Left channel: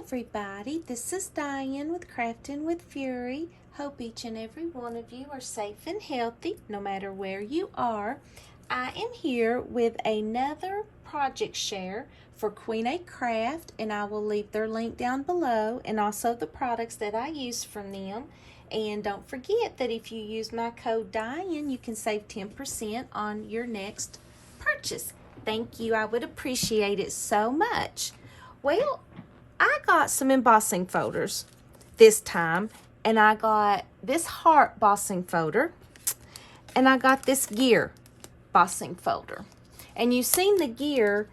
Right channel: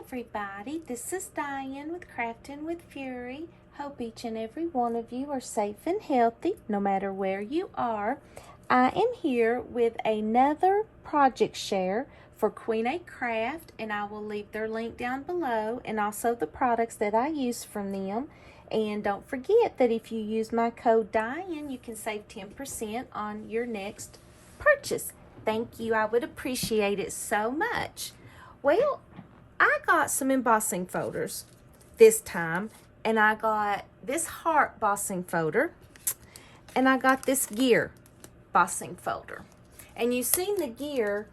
everybody, this is Diane with Crafting with Fury. Hope each and every one of you are safe and healthy no matter where you are. I am here with another project share for Queenacraft, and I will leave their link down below and also the products that I use from them. And don't forget that if you use my code Diane, you can save 10% on your next purchase. Thank you. I would appreciate it so much. Well, I got some embossing folders this time, and I got this heart embossing folder, and I got this gear embossing folder. And you've seen the gear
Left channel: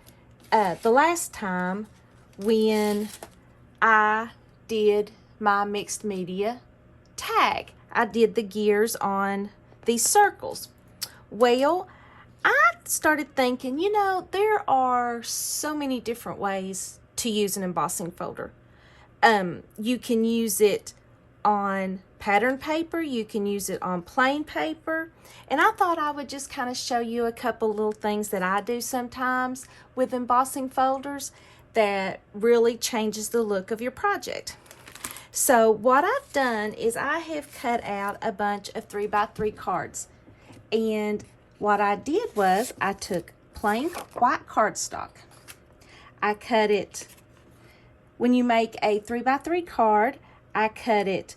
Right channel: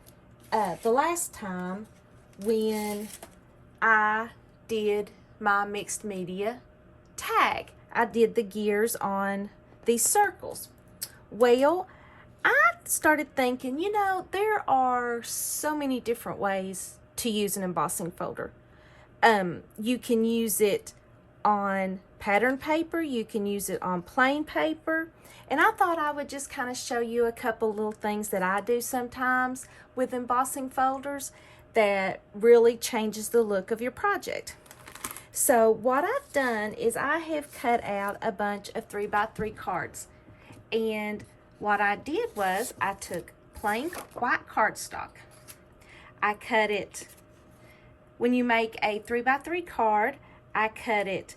the last time when I did my mixed media tag. I did the gears on these circles. Well, I started thinking, you know, there are so many different ways to use an embossing folder. You can use it on pattern paper, you can use it on plain paper, and I thought I would just kind of show you a couple little things that I do sometimes with embossing folders that really changes the look of your project. So what I've done is I have cut out a bunch of 3x3 cards, and what I did was I took plain white cardstock. I cut it, when you make a 3x3 card, I cut it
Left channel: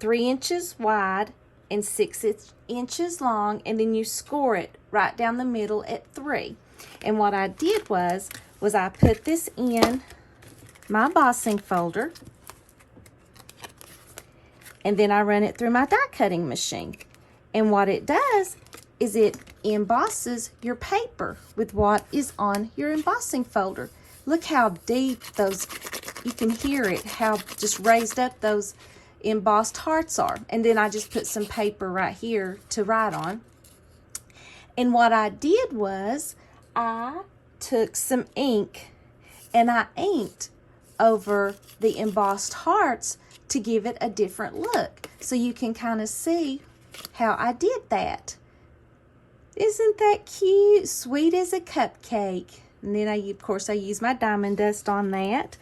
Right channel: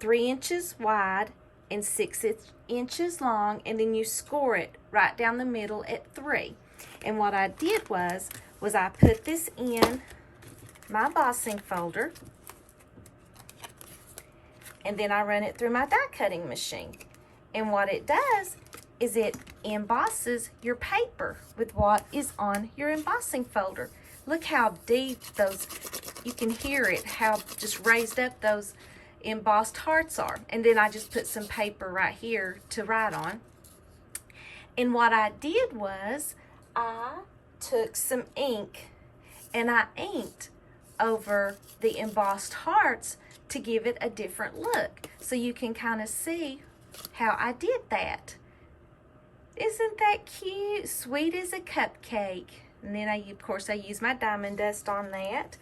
3 inches wide and 6 inches long, and then you score it right down the middle at 3. And what I did was I put this in my embossing folder, and then I run it through my die cutting machine. And what it does is it embosses your paper with what is on your embossing folder. Look how deep those, you can hear it, how just raised up those embossed hearts are. And then I just put some paper right here to write on. And what I did was I took some ink and I inked over the embossed hearts to give it a different look. So you can kind of see how I did that. Isn't that cute? Sweet as a cupcake. And then of course I use my diamond dust on that.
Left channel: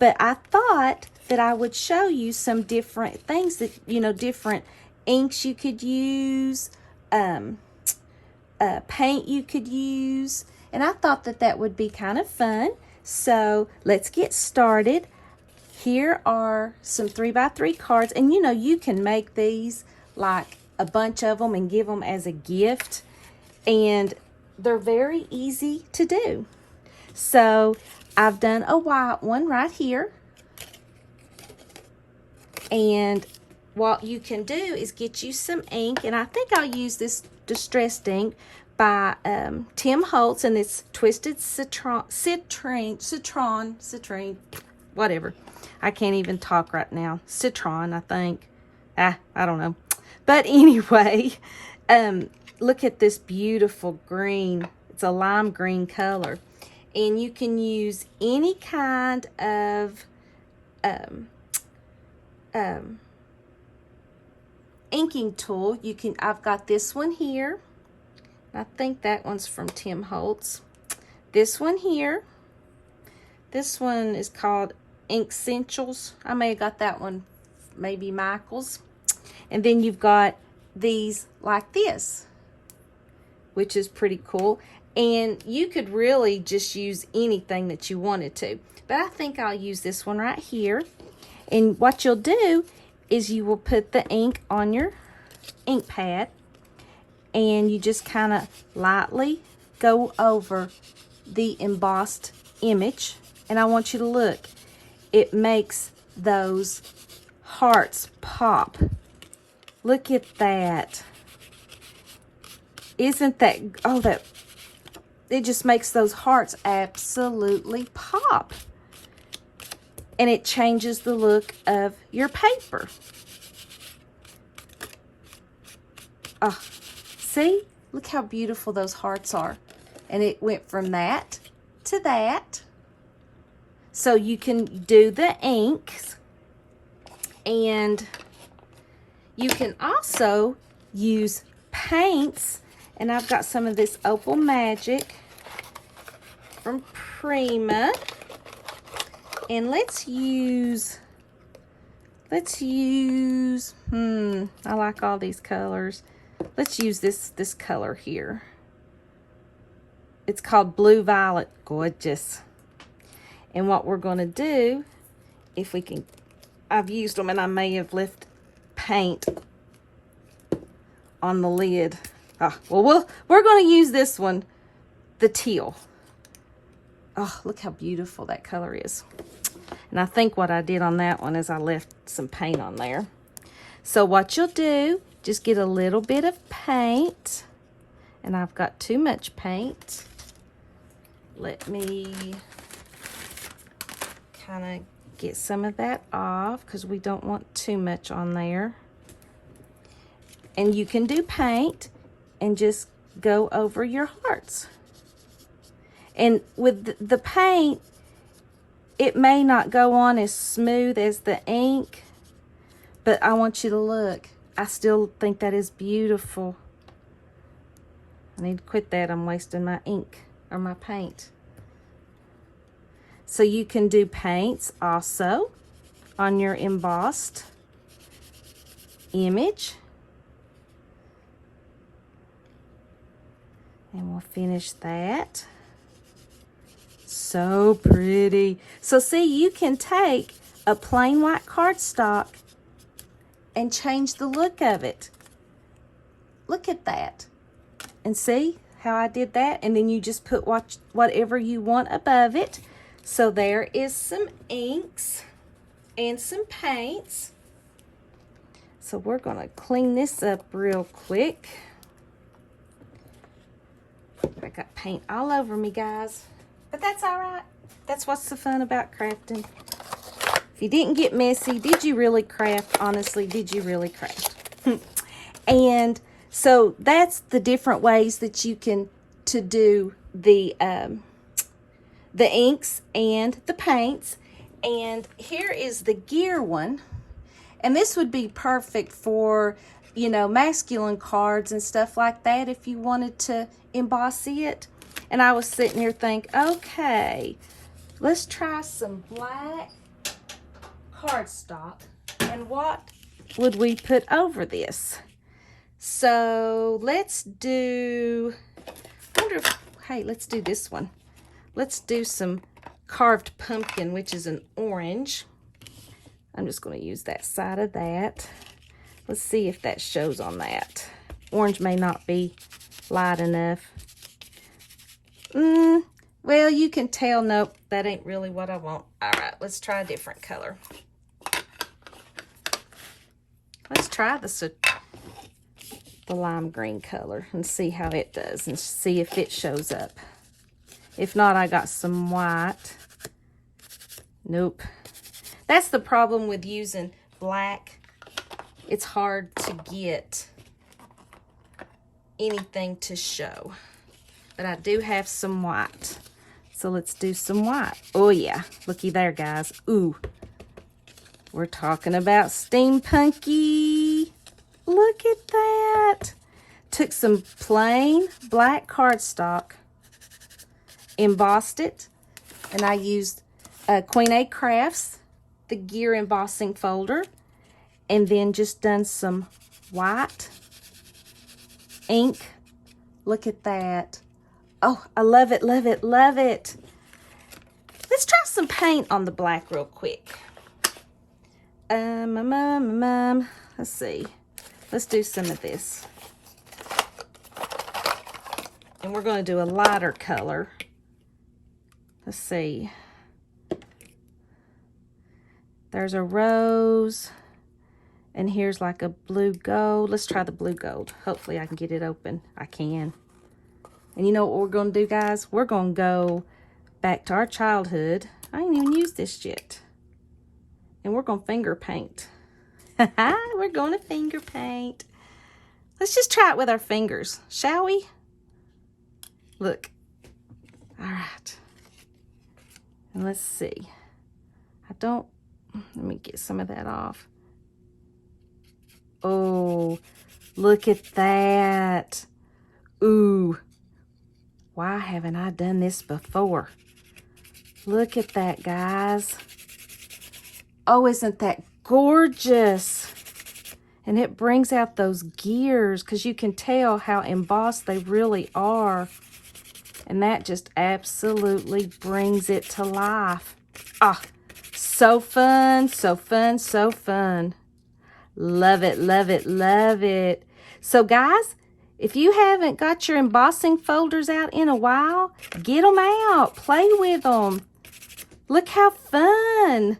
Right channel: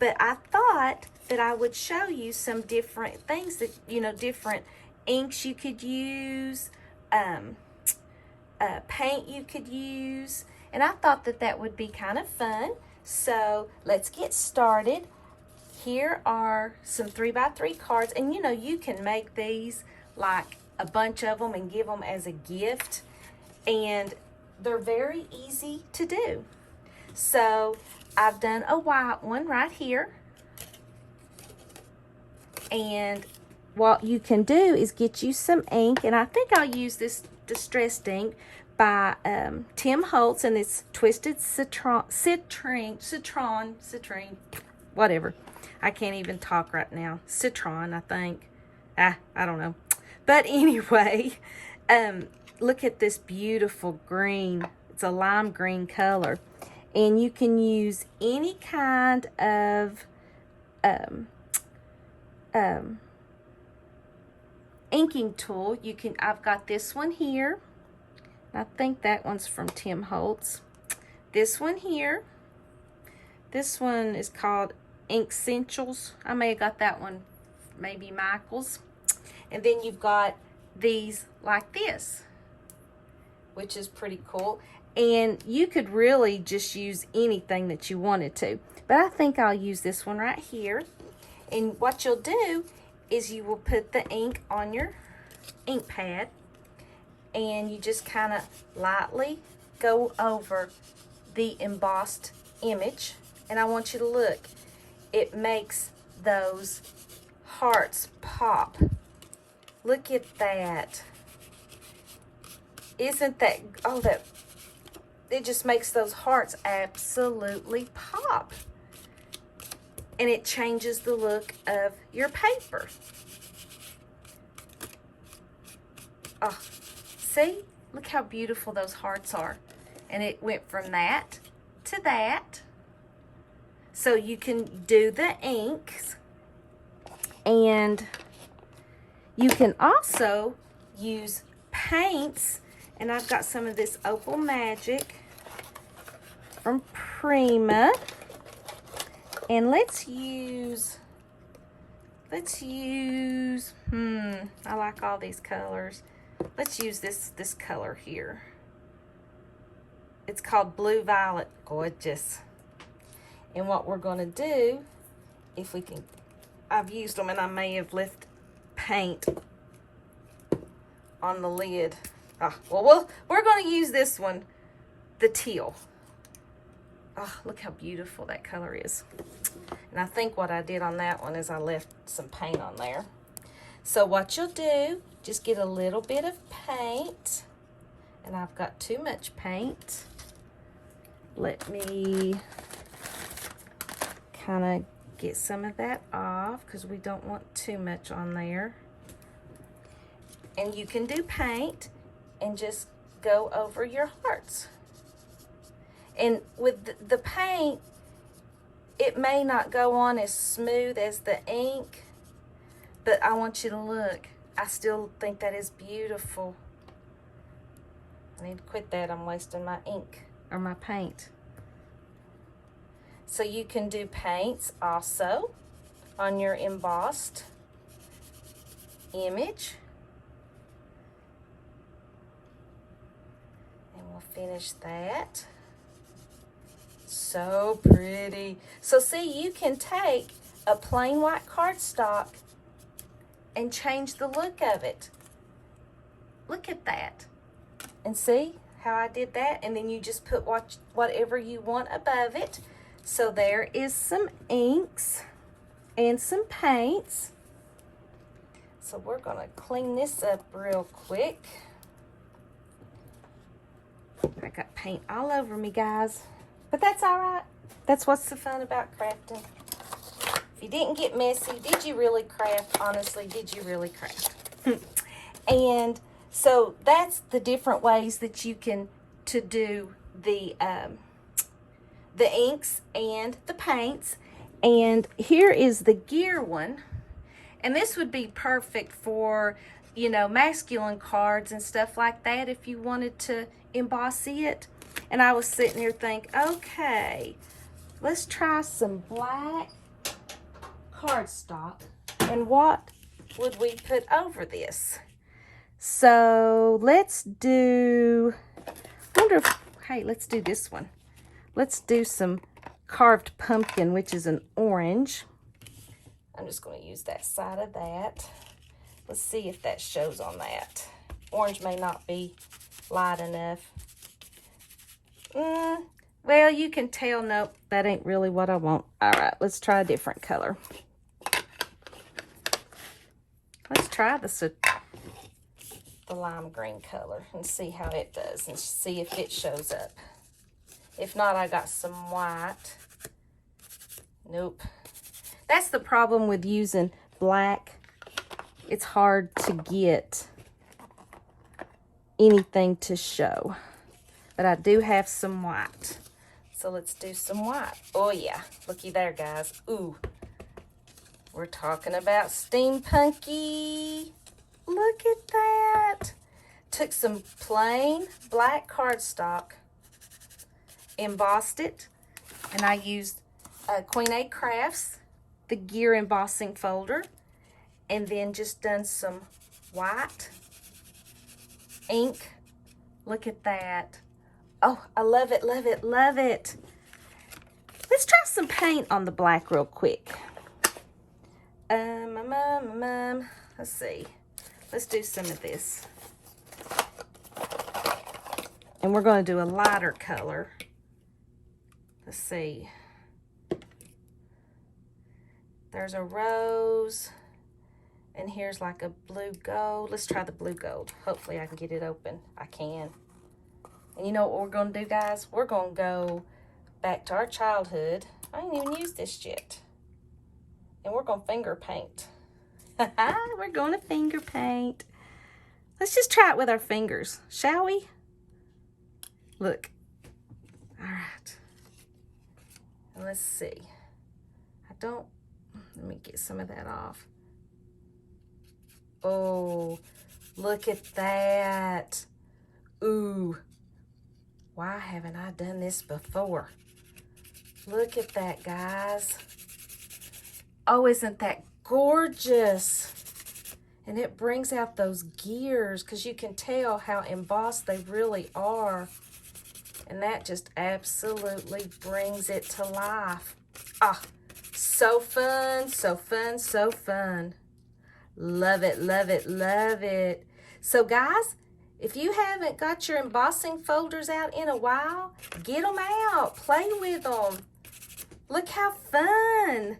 But I thought that I would show you some different things that, you know, different inks you could use, paint you could use. And I thought that that would be kind of fun. So let's get started. Here are some 3x3 cards. And you know, you can make these like a bunch of them and give them as a gift. And they're very easy to do. So I've done a white one right here. And what you can do is get you some ink. And I think I'll use this distressed ink by Tim Holtz, and it's Twisted Citrine, whatever. I can't even talk right now. Citron, I think. I don't know. But anyway, look at this beautiful green. It's a lime green color. And you can use any kind of inking tool. I've got this one here. I think that one's from Tim Holtz. This one here. This one is called Ink Essentials. I may have got that one, maybe Michael's. And then you've got these like this, which is pretty cool. And you could really just use anything that you wanted to. But I think I'll use this one right here. And what you'll do is you will put the ink on your ink pad. And you just kind of lightly go over the embossed image. And I want you to look. It makes those hearts pop. Look at that. Isn't that, oh, that, it just makes those hearts absolutely pop. And it changes the look of your paper. Oh, see? Look how beautiful those hearts are. And it went from that to that. So you can do the inks. And you can also use paints. And I've got some of this Opal Magic from Prima. And let's use, I like all these colors. Let's use this color here. It's called Blue Violet. Gorgeous. And what we're going to do, if we can, I've used them and I may have left paint on the lid. Well, we're going to use this one, the teal. Oh, look how beautiful that color is. And I think what I did on that one is I left some paint on there. So what you'll do, just get a little bit of paint. And I've got too much paint. Let me kind of get some of that off because we don't want too much on there. And you can do paint and just go over your hearts. And with the paint, it may not go on as smooth as the ink, but I want you to look. I still think that is beautiful. I need to quit that. I'm wasting my ink or my paint. So you can do paints also on your embossed image. And we'll finish that. So pretty. So see, you can take a plain white cardstock and change the look of it. Look at that. And see how I did that? And then you just put whatever you want above it. So there is some inks and some paints. So we're going to clean this up real quick. I got paint all over me, guys. But that's all right. That's what's the fun about crafting. If you didn't get messy, did you really craft? Honestly, did you really craft? And so that's the different ways that you can do the inks and the paints. And here is the gear one. And this would be perfect for, you know, masculine cards and stuff like that if you wanted to emboss it. And I was sitting here thinking, okay, let's try some black cardstock. And what would we put over this? So let's do, hey, let's do this one. Let's do some carved pumpkin, which is an orange. I'm just going to use that side of that. Let's see if that shows on that. Orange may not be light enough. Well, you can tell, nope, that ain't really what I want. All right, let's try a different color. Let's try the lime green color and see how it does and see if it shows up. If not, I got some white. Nope. That's the problem with using black. It's hard to get anything to show. But I do have some white. So let's do some white. Oh yeah, looky there, guys. Ooh, we're talking about steampunky. Look at that. Took some plain black cardstock, embossed it, and I used Queenacraft's, the gear embossing folder, and then just done some white ink. Look at that. Oh, I love it, love it, love it. Let's try some paint on the black real quick. Let's see. Let's do some of this. And we're going to do a lighter color. Let's see. There's a rose. And here's like a blue gold. Let's try the blue gold. Hopefully I can get it open. I can. And you know what we're going to do, guys? We're going to go back to our childhood. I ain't even used this yet. And we're going to finger paint. We're going to finger paint. Let's just try it with our fingers, shall we? Look. All right. And let's see. Let me get some of that off. Oh, look at that. Ooh. Why haven't I done this before? Look at that, guys. Oh, isn't that gorgeous? And it brings out those gears because you can tell how embossed they really are. And that just absolutely brings it to life. Ah, so fun, so fun, so fun. Love it, love it, love it. So guys, if you haven't got your embossing folders out in a while, get them out, play with them. Look how fun.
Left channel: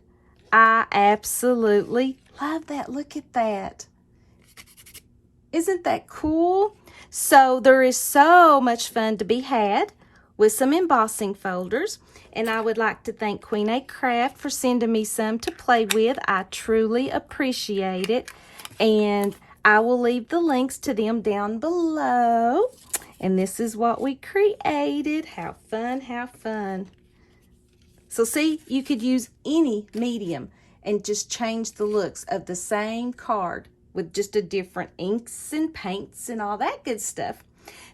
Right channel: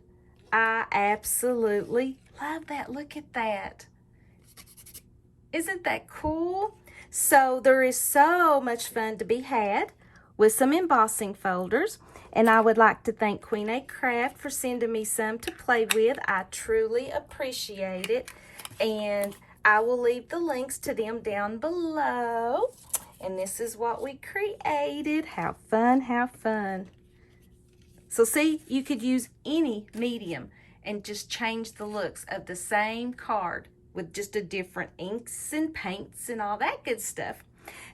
I absolutely love that. Look at that. Isn't that cool? So there is so much fun to be had with some embossing folders. And I would like to thank Queenacraft for sending me some to play with. I truly appreciate it. And I will leave the links to them down below. And this is what we created. How fun, how fun. So see, you could use any medium and just change the looks of the same card with just a different inks and paints and all that good stuff.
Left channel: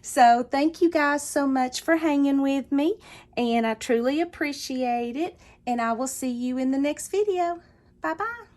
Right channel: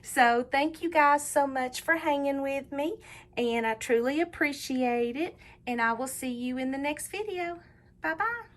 So thank you guys so much for hanging with me, and I truly appreciate it, and I will see you in the next video. Bye-bye.